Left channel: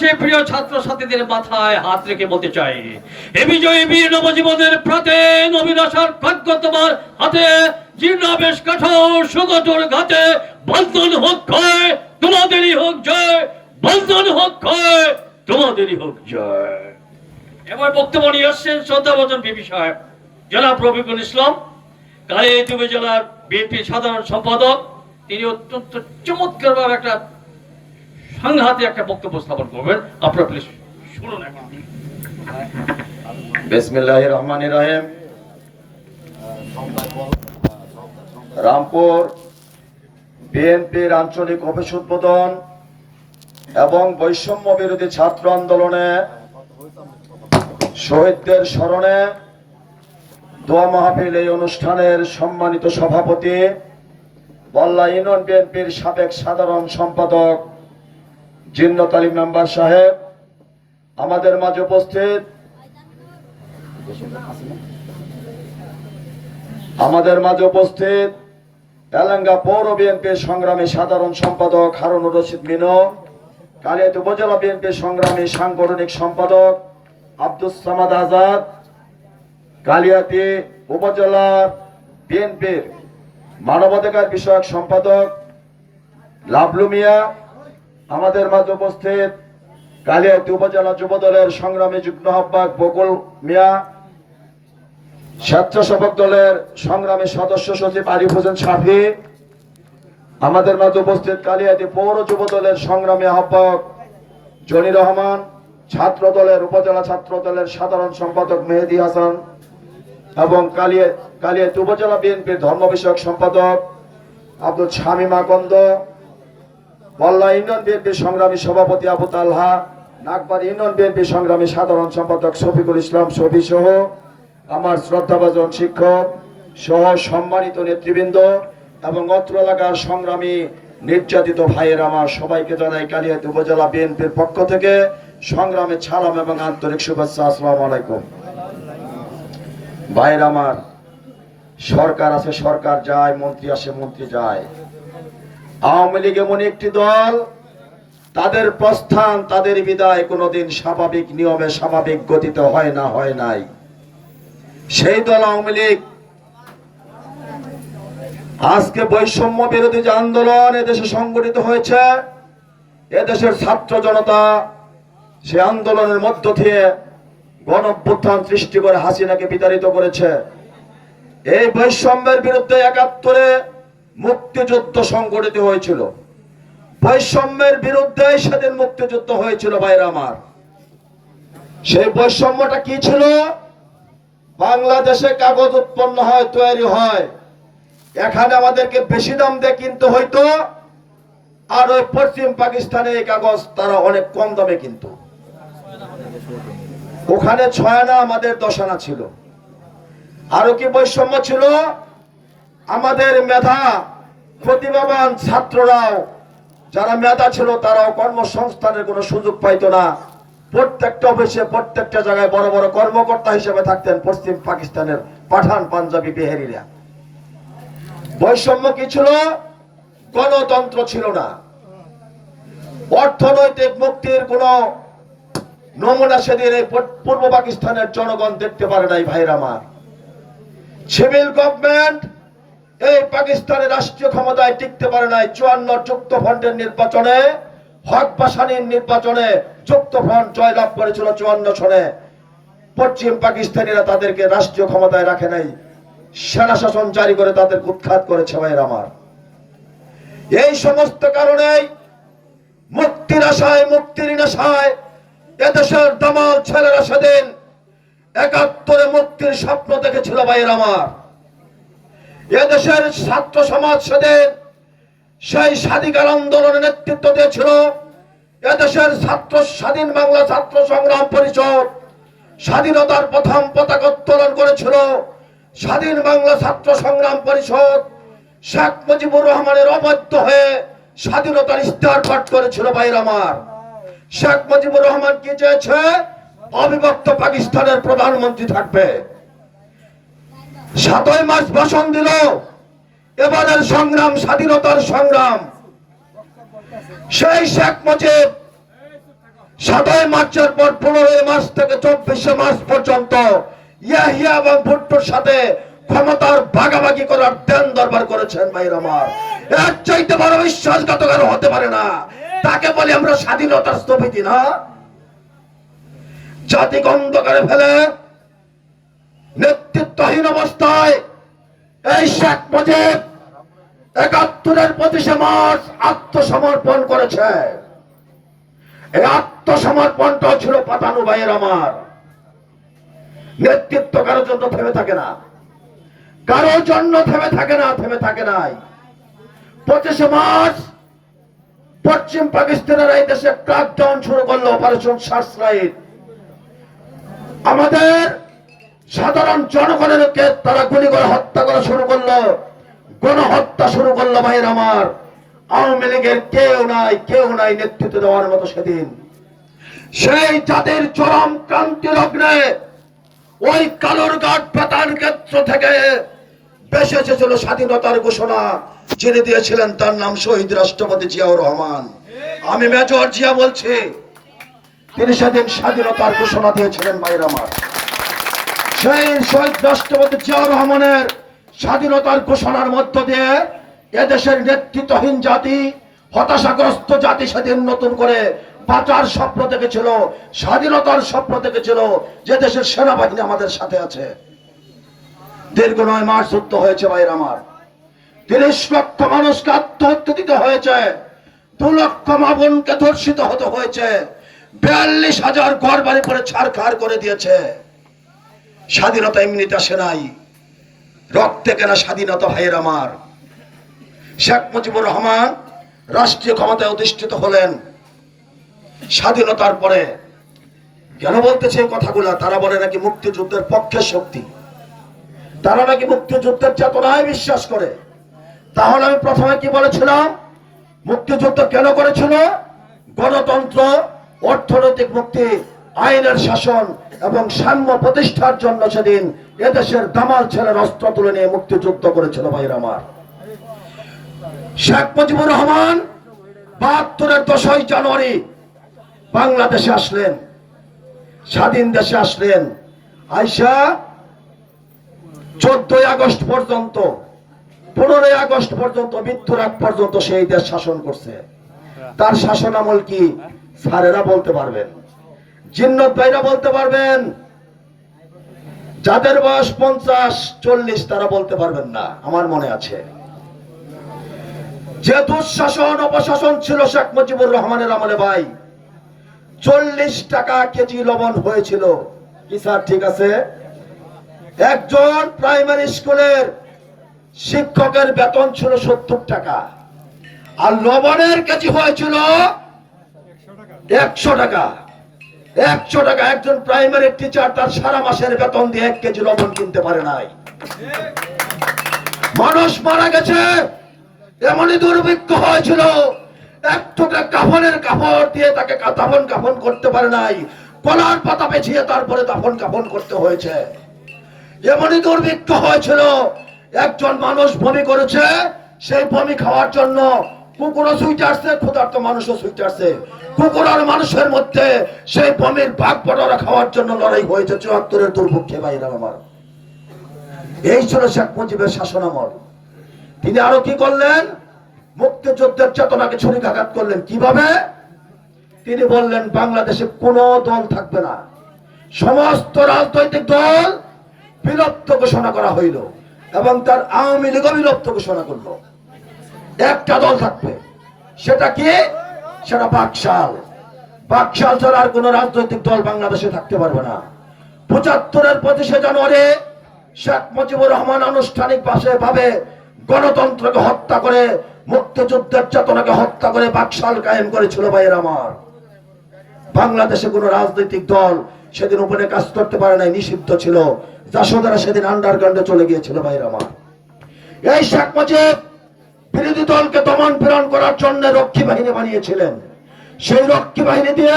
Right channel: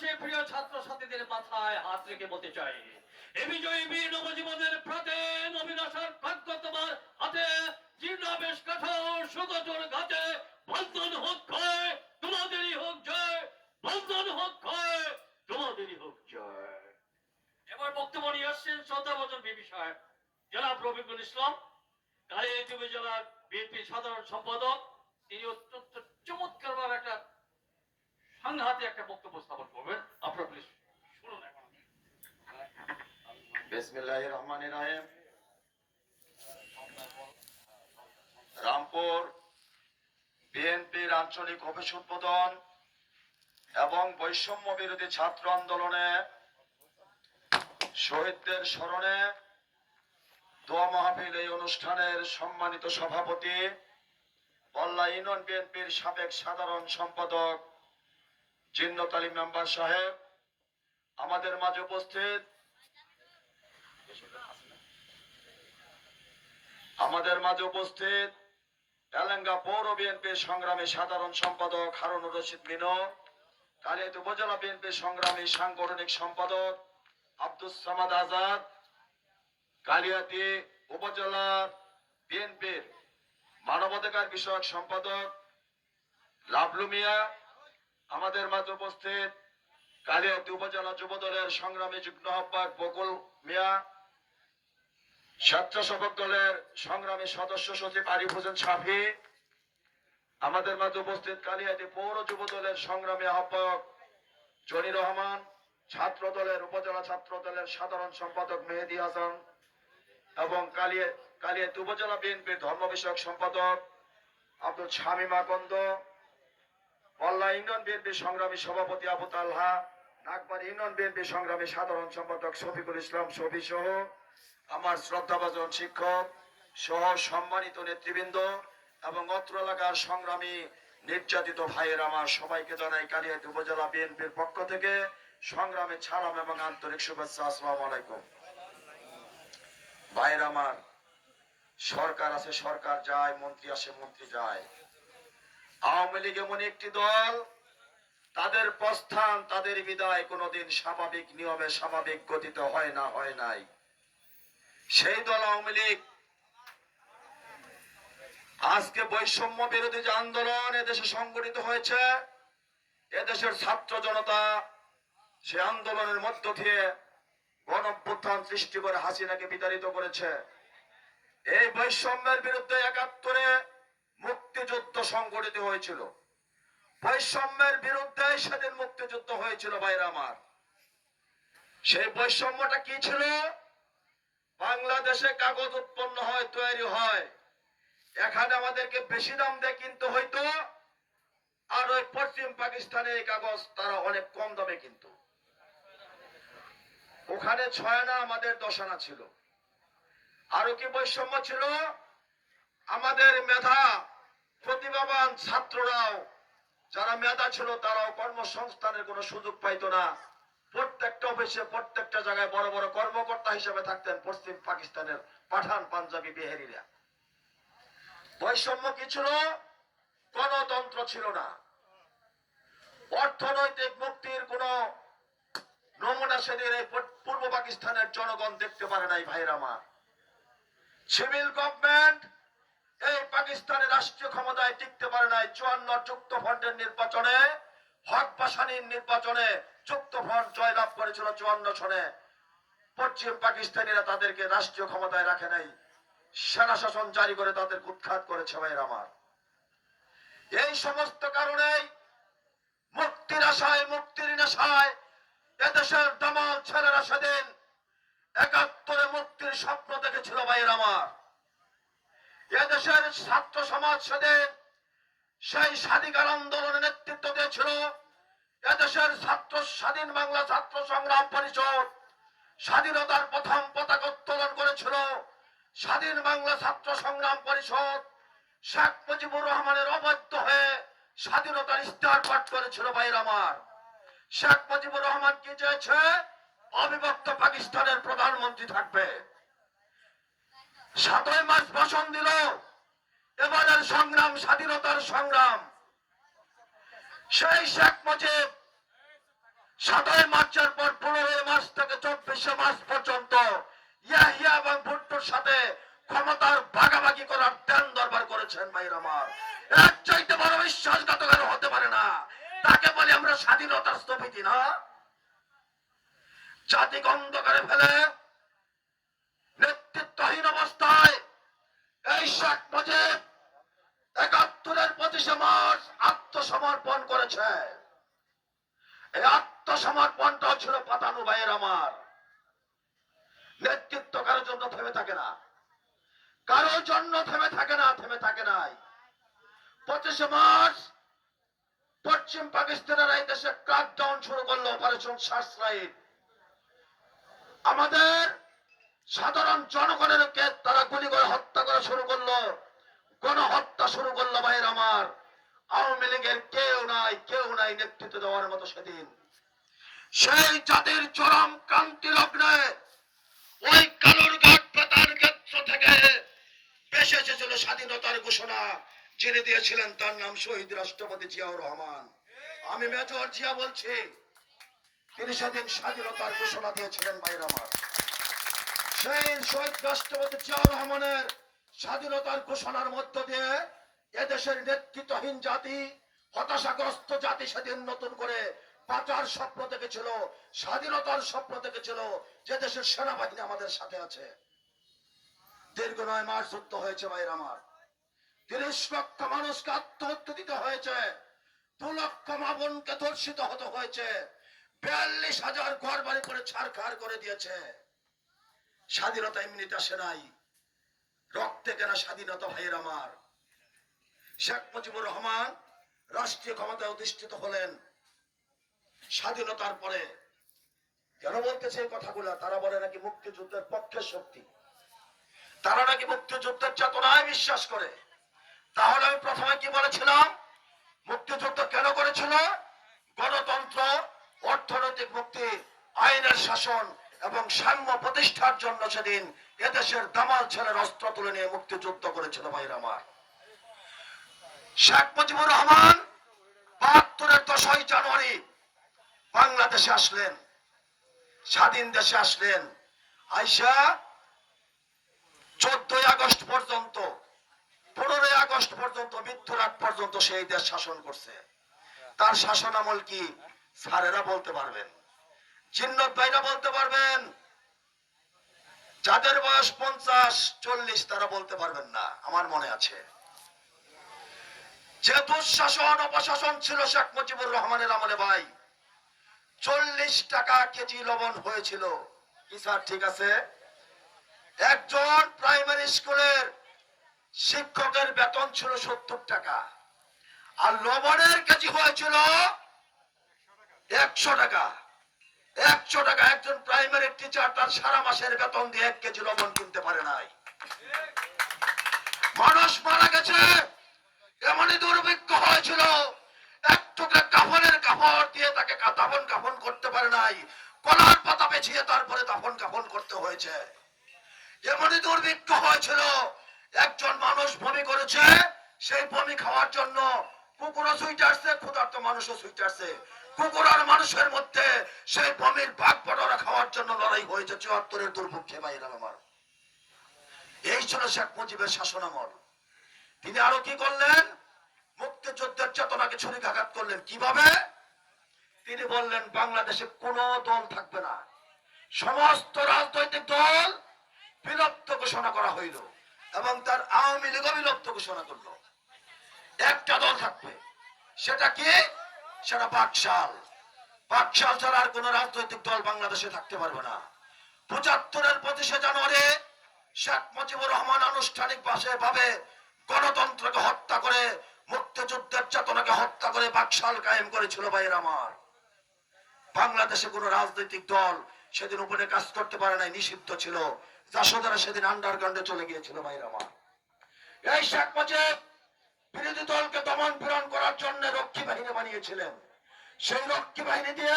সেই প্রিয় ছাত্র ছাত্রীদের মাথায় হাত রেখে বলতে চাই, এ বিজয়ী বীর নবজীবনের প্রাতে নবীন আশার ভাগ্য তোমার হাতে, জীর্ণাবেশ কাঠোর সুগতর ঘাতে, বন্ধন হোক ক্ষয়, তোমাদেরই হোক জয়, বন্ধন হোক ক্ষয়, তোমাদেরই হোক জয়। এবার বক্তব্য নিয়ে আসছেন শ্রদ্ধাভজন বিবি সাহেব জনাব রফিকুল ইসলাম কালিয়াতুবে জেলার বিএনপি সাধারণ সম্পাদক, তিনি অত্যন্ত চমৎকারভাবে একটা সংঘাতে একটা বক্তব্য স্থাপন করবেন। আপনারা প্লিজ শুনুন রহমান রহিম। রামপুর বিএনপির আঞ্চলিক অফিস উদ্বোধন এবং বৈষম্য বিরোধী ছাত্র আন্দোলনে শহীদদের স্মরণে দোয়া মাহফিল এই অনুষ্ঠানের সম্মানিত সভাপতি বল্লা ইউনিয়ন বিএনপির সাবেক সাধারণ সম্পাদক জিন্নত আলী নাম্বার সাহেব, আমাদের মাঝে উপস্থিত। আমাদের মাঝে উপস্থিত তেলেঙ্গা পৌর বিএনপির সংগ্রামী সাধারণ সম্পাদক হারুনুর রশিদ মিনু, কালিয়াতি উপজেলা বিএনপির সংগ্রামী সাংগঠনিক সম্পাদক আব্দুল সামাদ আজাদ, কালিয়াতি উপজেলা বিএনপির মানবাধিকার বিষয়ক সম্পাদক লাভলু মিয়া আমাদের মাঝে উপস্থিত কালিয়াতি উপজেলা যুবদলের সংগ্রামী যুগ্ম আহ্বায়ক বকুল মিয়া, স্বেচ্ছাসেবক দলের সংগ্রামী সদস্য সচিব আরিফ হোসেন সাফি, আমাদের মাঝে উপস্থিত কালিয়াতি পৌর যুব দলের সংগ্রামী আহ্বায়ক জনি রহমান, ছাত্র দলের উপজেলা ছাত্র দলের সাধারণ সম্পাদক মেহেদি হাসান এবং কালিয়া, কালিয়াতি উপজেলা বিএনপির ধর্ম বিষয়ক সম্পাদক আব্দুল শামীম আকন্দ বল্লা ইউনিয়ন বিএনপির সংগ্রামী সভাপতি আবু তালহা নাগবার ইউনিয়ন বিএনপির সংগ্রামী সাধারণ সম্পাদক শফিকুল ইসলাম শফি সহ আমার শ্রদ্ধাভাজন শিক্ষক সহ সম্মানিত নেতৃবৃন্দ এবং অত্র এলাকার সংগ্রামী নির্যাতিত ভাইয়ের আমার সবাইকে জানাই কালিয়াতি উপজেলা বিএনপির পক্ষ থেকে সংগ্রামে ছালাম এবং আন্তরিক শুভেচ্ছা, আসসালামু আলাইকুম। ভাইয়ের আমার, সরকার আছে, সরকার যায়, মন্ত্রী আসে, মন্ত্রী যায়। আওয়ামী লীগ এমন একটি দল, তাদের প্রস্থান, তাদের বিদায় কোনোদিন স্বাভাবিক নিয়মে স্বাভাবিক গতিতে হয় না, হয় নাই। সেই দল আওয়ামী লীগ, আজকে বৈষম্য বিরোধী যে আন্দোলন এদেশে সংগঠিত হয়েছে এদেশের ছাত্র জনতা সে আন্দোলনের মধ্য দিয়ে গণভ্যুত্থান সৃষ্টি করে হাসিনাকে বিতাড়িত করেছে। এই বৈষম্যের বিরুদ্ধে একাত্তরে মুক্তিযুদ্ধ সংগঠিত হয়েছিল। বৈষম্যের বিরুদ্ধে সেদিন মুক্তিযুদ্ধ হয়েছিল ভাইরা আমার। সেই বৈষম্যটা কি ছিল? বাংলাদেশে কাগজ উৎপন্ন হয়, তৈরি হয়। এখানে আমাদেরকে বেশি দাম দিয়ে কিনতে হইতো। আর ওই পশ্চিম পাকিস্তানে এই কাগজ তারা অনেক কম দামে কিনতো। ওখানে ছয় আনা আমাদের দশ আনা ছিল। আরও কি বৈষম্য ছিল? আমাদের মেধা প্রতিভাবান ছাত্ররাও, যারা মেধা ছিল, তারাও কর্মসংস্থানের কোনো সুযোগ পাইতো না। প্রত্যেকটা অফিসে, প্রত্যেকটা জায়গায় বড় বড় কর্মকর্তা হিসেবে থাকতেন পশ্চিম পাকিস্তানের পাঠান পাঞ্জাবি বিহারিরা। বৈষম্য কি ছিল? গণতন্ত্র ছিল না। অর্থনৈতিক মুক্তির কোন নমুনা সেদিন এই পূর্ব পাকিস্তানের জনগণ দেখতে পারে নাই ভাইরা আমার। সিভিল গভর্নমেন্ট এই পাকিস্তানের রাষ্ট্রীয় ক্ষমতায় টিকতে পারে নাই চুয়ান্ন যুক্ত ফ্রন্টের নির্বাচনে, হক বাসানির নির্বাচনে যুক্ত ফ্রন্ট জয়লাভ করেছিল চুয়ান্ন সনে। পশ্চিম পাকিস্তানিরা তাদেরকে রাষ্ট্রীয় ক্ষমতায় রাখে নাই। সেনা শাসন জারি করে তাদের উৎখাত করেছে ভাইয়ের আমার। এই সমস্ত কারণেই মুক্তির আশায়, মুক্তির নেশায় এদেশের দামাল ছেলেরা সেদিন একাত্তরে মুক্তির স্বপ্ন দেখেছিল ভাইয়ের আমার। এদেশের ছাত্র সমাজ সেদিন সেই স্বাধিকার আন্দোলনের নেতৃত্ব দিয়েছিল। এদেশের ছাত্র, স্বাধীন বাংলা ছাত্র সংগ্রাম পরিষদ স্বাধীনতার প্রথম পতাকা উত্তোলন করেছিল। স্বাধীন বাংলা ছাত্র সংগ্রাম পরিষদ শেখ মুজিবুর রহমানের অবৈধ হয়ে স্বাধীনতার ইস্তার পাঠ করেছিল ভাইয়ের আমার। শেখ মুজিবুর রহমান কি চেয়েছে? অবিভক্ত পাকিস্তানের প্রধানমন্ত্রী থাকবে। সাতই মাস ভাষণ দিল। এবারের সংগ্রাম, স্বাধীনতার সংগ্রাম। সেই শেখ মুজিব সাতই মার্চের পর পনেরোই মার্চ থেকে চব্বিশে মার্চ পর্যন্ত ইয়াহিয়া এবং ভুট্টোর সাথে ক্ষমতার ভাগাভাগি করার দেন দরবার করেছেন ভাইয়ের আমার। এর চাইতে বড় বিশ্বাসঘাতক হতে পারে না। তাকে বলি আমরা স্বাধীনতার স্থপতি না। জাতিকে অন্ধকারে ফেলে নেতৃত্বহীন অবস্থায় এই শেখ মুজিব একাত্তরের পঁচিশে মার্চ আত্মসমর্পণ করেছে। এই আত্মসমর্পণটা ছিল পাতানু ভাইয়ের আমার। নেতৃত্ব কারোর জন্য থেমে থাকে না। কারোর জন্য থেমে থাকে না, থেমে থাকে নাই। পঁচিশে মার্চ পশ্চিম পাকিস্তানের এই দেশে ক্রাকডাউন শুরু করল অপারেশন সার্চলাইট আমাদের সাধারণ জনগণের তারা গুলি করে হত্যা করা শুরু করল। গণহত্যা শুরু করল ভাইয়ের আমার। আওয়ামী লীগের কেউ নাই কেউ নাই নেতৃত্ব দেওয়ার মতো সেদিন। সেই জাতির চরম ক্রান্তি লগ্নে ওই কালোর ঘাট প্রধান ক্ষেত্র থেকে বেশি এসেছিল স্বাধীনতার ঘোষণা, যিনি দিয়েছিলেন তার নাম শহীদ রাষ্ট্রপতি জিয়াউর রহমান। আমি মেজর জিয়া বলছি, তিনি সেদিন স্বাধীনতার ঘোষণা দিয়েছিলেন ভাইয়ের আমার। সেই শহীদ রাষ্ট্রপতি জিয়াউর রহমানের স্বাধীনতার ঘোষণার মধ্য দিয়ে এদেশের নেতৃত্বহীন জাতি, হতাশাগ্রস্ত জাতি সেদিন নতুন করে বাঁচার স্বপ্ন দেখেছিল, স্বাধীনতার স্বপ্ন দেখেছিল যে দেশের সেনাবাহিনী আমাদের সাথে আছে। দীর্ঘ নয় মাস যুদ্ধ হয়েছে ভাইয়ের আমার। তিরিশ লক্ষ মানুষকে আত্মহত্যা দিতে হয়েছে। দু লক্ষ মাবনকে ধর্ষিত হতে হয়েছে। বিয়াল্লিশ হাজার ঘর বাড়ি করে ছাড়খাড় করে দিয়েছে। স্বাধীনতা এমনিতে আসে নাই। রক্তে কেনা স্বাধীনতা ভাইয়ের আমার। শেখ মুজিবুর রহমান রাষ্ট্রীয় ক্ষমতায় অধিষ্ঠিত হলেন। স্বাধীনতার পরে কেন বলতেছে কথাগুলা? তারা বলে নাকি মুক্তিযুদ্ধের পক্ষের শক্তি। তারা নাকি মুক্তিযুদ্ধের চেতনায় বিশ্বাস করে। তাহলে আমি প্রথমে কি বলেছিলাম? মুক্তিযুদ্ধ কেন করেছিল? গণতন্ত্র, অর্থনৈতিক মুক্তি, আইনের শাসন এবং সাম্য প্রতিষ্ঠার জন্য সেদিন এদেশের দামাল ছেলের অস্ত্র তুলে নিয়ে মুক্তিযুদ্ধ করেছিল ভাইয়ের আমার। শেখ মুজিবুর রহমান বাহাত্তরের দশই জানুয়ারি বাংলাদেশে আসলেন, স্বাধীন দেশে আসলেন। আইসা চোদ্দই আগস্ট পর্যন্ত, পনেরোই আগস্ট পর্যন্ত, মৃত্যুর আগ পর্যন্ত সেই দেশ শাসন করছে। তার শাসন আমল কি স্যারেরা বলতে পারবেন? জিন্নত ভাইরা বলতে পারবেন, যাদের বয়স পঞ্চাশ, চল্লিশ, তারা বলতে পারবেন না, আমার মনে আছে। যে দুঃশাসন, অপশাসন ছিল শেখ মুজিবুর রহমানের আমলে ভাই, চল্লিশ টাকা কেজি লবণ হয়েছিল। কি স্যার, ঠিক আছে? একজন প্রাইমারি স্কুলের শিক্ষকের বেতন ছিল সত্তর টাকা, আর লবণের কেজি হয়েছিল একশো টাকা। একশো টাকা একজন প্রাইমারি টিচার তার সারা মাসের বেতন দিয়ে এক কেজি লবণ কিনতে পারে নাই। মানুষ মারা গেছে, এমনই দুর্ভিক্ষ হয়েছিল। এক টুকরা কাফনের দিয়ে তাকে কাফন করতে পারে নাই। কলার পাতা পেছিয়ে তারপরে দাফন কাফন করতে হয়েছে। এমনই দুর্ভিক্ষ হয়েছিল, একজন মানুষ বমি করেছে, সেই বমি খাওয়ার জন্য কুকুরও সুইটারছে ক্ষুধার্ত মানুষও সুইটারছে কুকুর আর মানুষের মধ্যে সেই বমির ভাগ বটরা খাওয়ার জন্য লড়াই হয়েছে। চুয়াত্তরের দুর্ভিক্ষে বাইরে আমার। এই ছিল শেখ মুজিবের শাসনামল তিনি আরও কি করলেন? মুক্তিযুদ্ধের চেতনাকে ছুরিকাঘাত করলেন। কীভাবে? তিনি বললেন, বাংলাদেশে কোনো দল থাকবে না। সমস্ত রাজনৈতিক দল বিলুপ্ত ঘোষণা করা হইল এবং তার আওয়ামী লীগও বিলুপ্ত ঘোষণা করল। একটা দল থাকবে। সেটা কি? সেটা বাকশাল। বাকশাল ছাড়া আর কোন রাজনৈতিক দল বাংলাদেশে থাকতে পারবে না। পঁচাত্তরের পঁচিশে জানুয়ারি শেখ মুজিবুর রহমান আনুষ্ঠানিক ভাবে গণতন্ত্রকে হত্যা করে, মুক্তিযুদ্ধের চেতনাকে হত্যা করে বাকশাল কায়েম করেছিল ভাইয়ের আমার। বাংলাদেশে কোন রাজনৈতিক দল সেদিন উপরে কাজ করতে পারে নাই, নিষিদ্ধ ছিল। যশোদারা সেদিন আন্ডারগ্রাউন্ডে চলে গিয়েছিল ভাইয়ের আমার। এই শেখ মুজিব বিরোধী দলকে দমন প্রেরণ করার জন্য রক্ষী বাহিনী বানিয়েছিলেন। সেই রক্ষী বাহিনী দিয়ে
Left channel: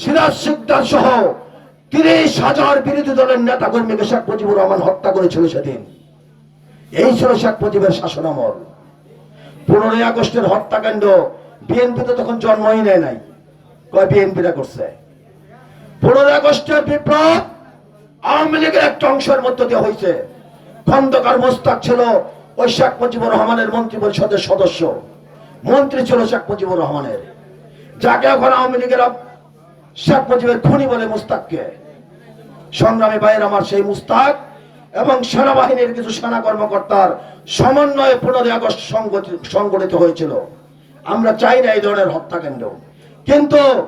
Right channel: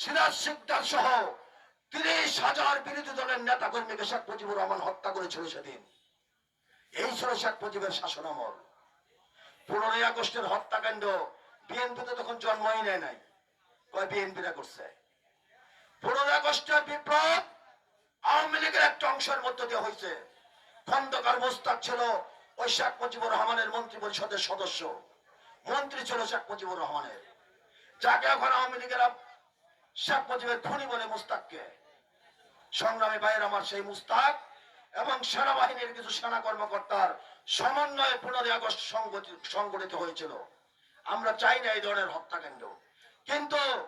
সিরাজ সিকদার সহ তিরিশ হাজার বিরোধী দলের নেতা কর্মীকে শেখ মুজিবুর রহমান হত্যা করেছিল সেদিন। এই ছিল শেখ মুজিবের শাসনামল পনেরোই আগস্টের হত্যাকাণ্ড, বিএনপি তো তখন জন্মই নেয় নাই। কয় বিএনপিরা করছে? পনেরোই আগস্টের বিপ্লব আওয়ামী লীগের একটা অংশের মধ্য দিয়ে হয়েছে খন্দকার মোস্তাক ছিল ওই শেখ মুজিবুর রহমানের মন্ত্রী পরিষদের সদস্য। মন্ত্রী ছিল শেখ মুজিবুর রহমানের। যাকে এখন আওয়ামী লীগের শেখ মুজিবের খুনি বলে মুস্তাককে। সংগ্রামী ভাইয়ের আমার সেই মুস্তাক এবং সেনাবাহিনীর কিছু সেনা কর্মকর্তার সমন্বয়ে পনেরোই আগস্ট সংগঠি- সংগঠিত হয়েছিল। আমরা চাই না এই ধরনের হত্যাকাণ্ড। কিন্তু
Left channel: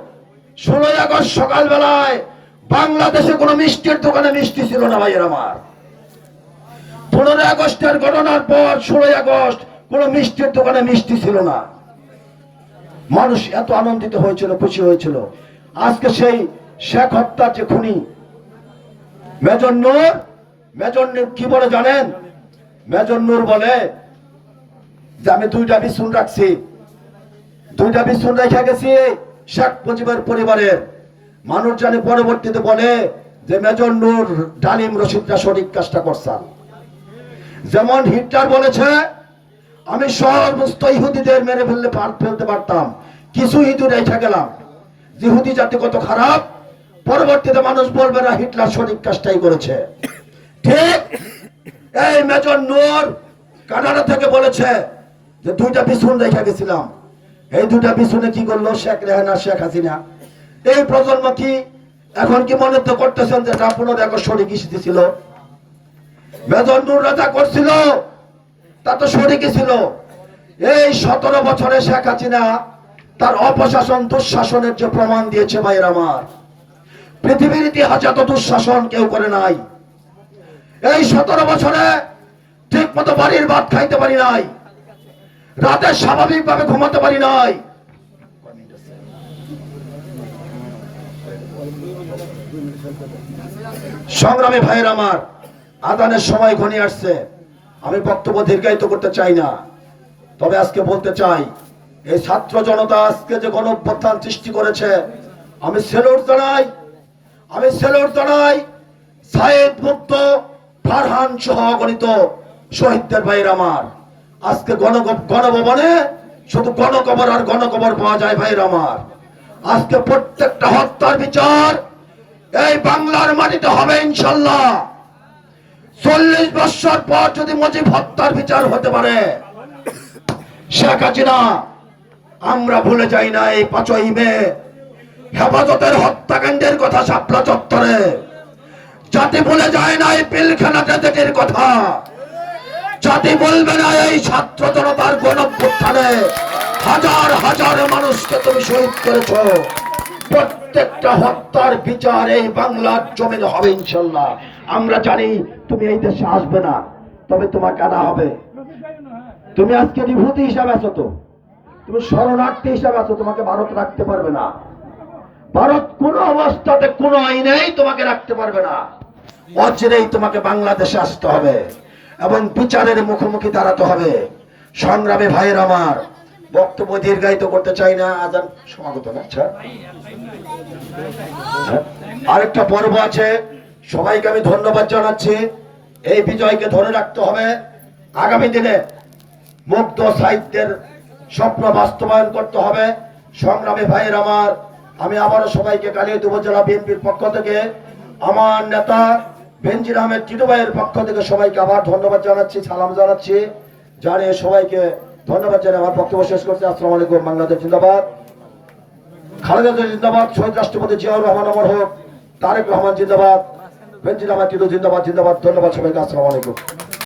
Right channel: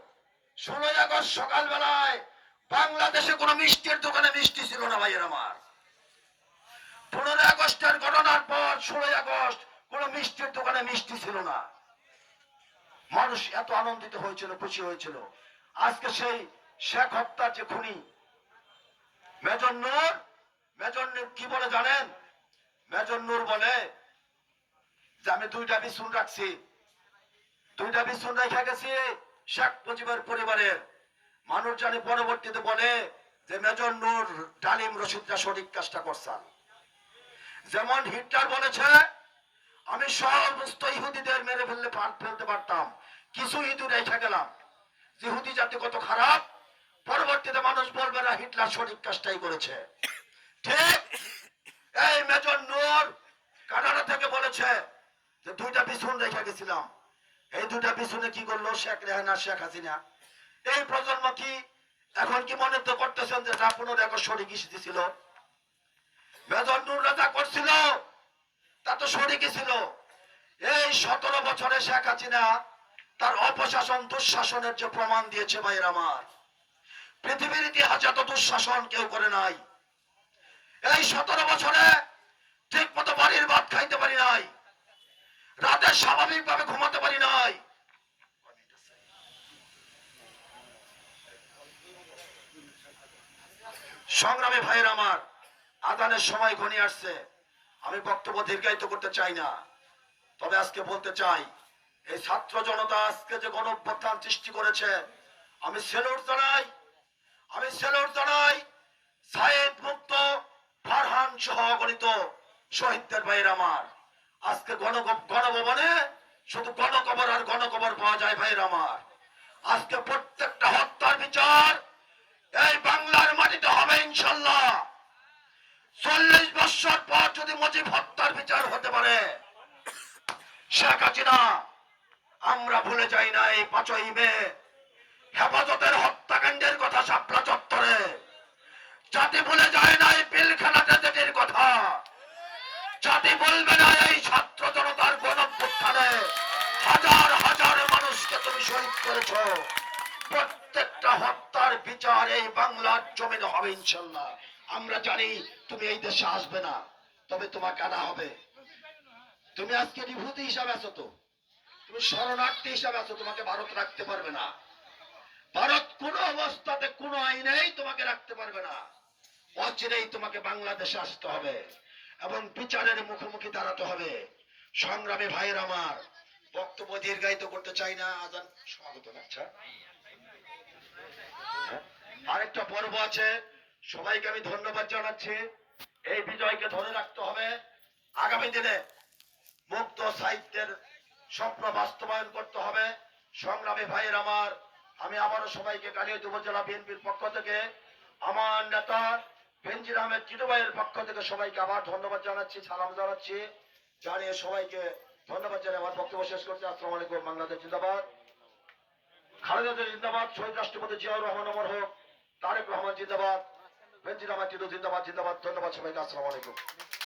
ষোলোই আগস্ট সকালবেলায় বাংলাদেশে কোনো মিষ্টির দোকানে মিষ্টি ছিল না ভাইয়ের আমার। পনেরোই আগস্টের ঘটনার পর ষোলোই আগস্ট কোনো মিষ্টির দোকানে মিষ্টি ছিল না। মানুষ এত আনন্দিত হয়েছিল, খুশি হয়েছিল। আজকে সেই শেখ হত্যার যে খুনি, মেজর নূর মেজর নূর কি বলে জানেন? মেজর নূর বলে যে, আমি দুইটা বিছুন রাখছি। দুইটা বিছুন রেখে গেছি শেখ মুজিবের পরিবারের মানুষ জানে পরবর্তীতে বলে যে, মেজর নূর ডালিম রশিদরা সঠিক কাজটা করছেন। যেমন হিটলার বলেছে, আমি সমস্ত ইহুদিদের মেরে ফেললে ফেলতে পারতাম। কিছু ইহুদি রেখে গেলাম। ইহুদি জাতি কত খারাপ। পরবর্তীতে মানুষ বলবে, না, হিটলার সঠিক কাজটাই করেছে। ঠিক এই মেজর নূর কানাডা থেকে বলেছে যে, দুইটা বিছুন রেখে গেছিলাম। এই দুটা বিছুনে কি করল? শেখ রেহানা, শেখ হাসিনা। এই প্রজন্ম কি এখন কি মনে তো করতেছেন যে এটা পনেরো একর সঠিক ছিল? মেজর রাজা করছিল, তা তো শরিকি ছিল এই সতেরো বছরে শেখ হাসিনা তার অপশাসন দুঃশাসনের যে প্রমাণ দিয়েছে ভাইয়ের আমার, পৃথিবীর ইতিহাসে এত দুঃশাসন কেউ করে নাই। এই সতেরো বছরে ঠিক মতো বাড়ির ভাত খাইতে পারি নাই, রাতে স্বাভাবিকভাবে ঘুমাতে পারি নাই। সংগ্রামী ভাইয়ের আমার আদানের সময় ঘনিয়ে আসছে। আমি বক্তব্য দীর্ঘায়িত করতে চাই না। তবে আজকে বলতে চাই, এই ছাত্র জনতা আজকে যে গণ অভ্যুত্থান সৃষ্টি করেছে, আমি সেলুট জানাই, আমি সেলুট জানাই সাইদ মুক্ত, ফারহান সহ গণিত শহীদদের ভাইয়ের আমার। আজকে গণ গণভবনে শুধু গণকবর আর গণকবর পাওয়া যায় ভাইয়ের আমার। আজকে প্রত্যেকটা হত্যার বিচার এই বাংলার মাটিতে হবে ইনশাল্লাহ। চল্লিশ বছর পর যদি মজিব হত্যার বিচার হতে পারে, শেখ হাসিনা, আমরা ভুলে যাই না এই পাঁচই মে হেফাজতের হত্যাকাণ্ডের কথা শাপলা চত্বরে। জাতি ভুলে যায় না এই পিলখানা ট্র্যাজেডির কথা। জাতি বলবে না এই ছাত্র জনতার গণভ্যুত্থানে হাজার হাজার মানুষকে তুমি শহীদ করেছ। প্রত্যেকটা হত্যার বিচার এই বাংলার জমিনে হবে ইনশাল্লাহ। আমরা জানি তুমি এই দেশে আসবে না, তবে তোমাকে আনা হবে। তুমি আজকে বিভূতি হিসাবে আছো তো। তুমি শরণার্থী হিসাবে আছো, তোমাকে ভারত রাখতে পারবে না। ভারত কোনো অবস্থাতে কোনো আইনেই তোমাকে রাখতে পারবে না। অচিরেই তোমাকে বাংলাদেশে আসতে হবে এবং বিচারের মুখোমুখি দাঁড়াতে হবে। সংগ্রামে ভাইয়ের আমার বক্তব্য দীর্ঘায়িত করতে চাই না। আজান সমাগত আচ্ছা। হ্যাঁ? আরেকটা পর্ব আছে। সবাইকে আমি ধন্যবাদ জানাচ্ছি। এই বিজয়কে ধরে রাখতে হবে। আগামী দিনে মুক্ত সাহিত্যের স্বপ্ন বাস্তবায়ন করতে হবে। সংগ্রামী ভাইয়ের আমার, আমি আবারও সবাইকে কালিয়াত উপজেলা বিএনপির পক্ষ থেকে, আমার নেতা বেনজির আহমেদ টিটু ভাইয়ের পক্ষ থেকে সবাইকে আবার ধন্যবাদ জানাচ্ছি, সালাম জানাচ্ছি। জানিয়ে সবাইকে ধন্যবাদ জানিয়ে আমার বক্তব্য শেষ করছি। আসসালামু আলাইকুম, বাংলাদেশ জিন্দাবাদ। খালেদা জিন্দাবাদ, শহীদ রাষ্ট্রপতি জিয়াউর রহমান অমর হোক, তারেক রহমান জিন্দাবাদ। বেনজির আমার টিটু জিন্দাবাদ জিন্দাবাদ ধন্যবাদ সবাইকে আসসালামু আলাইকুম।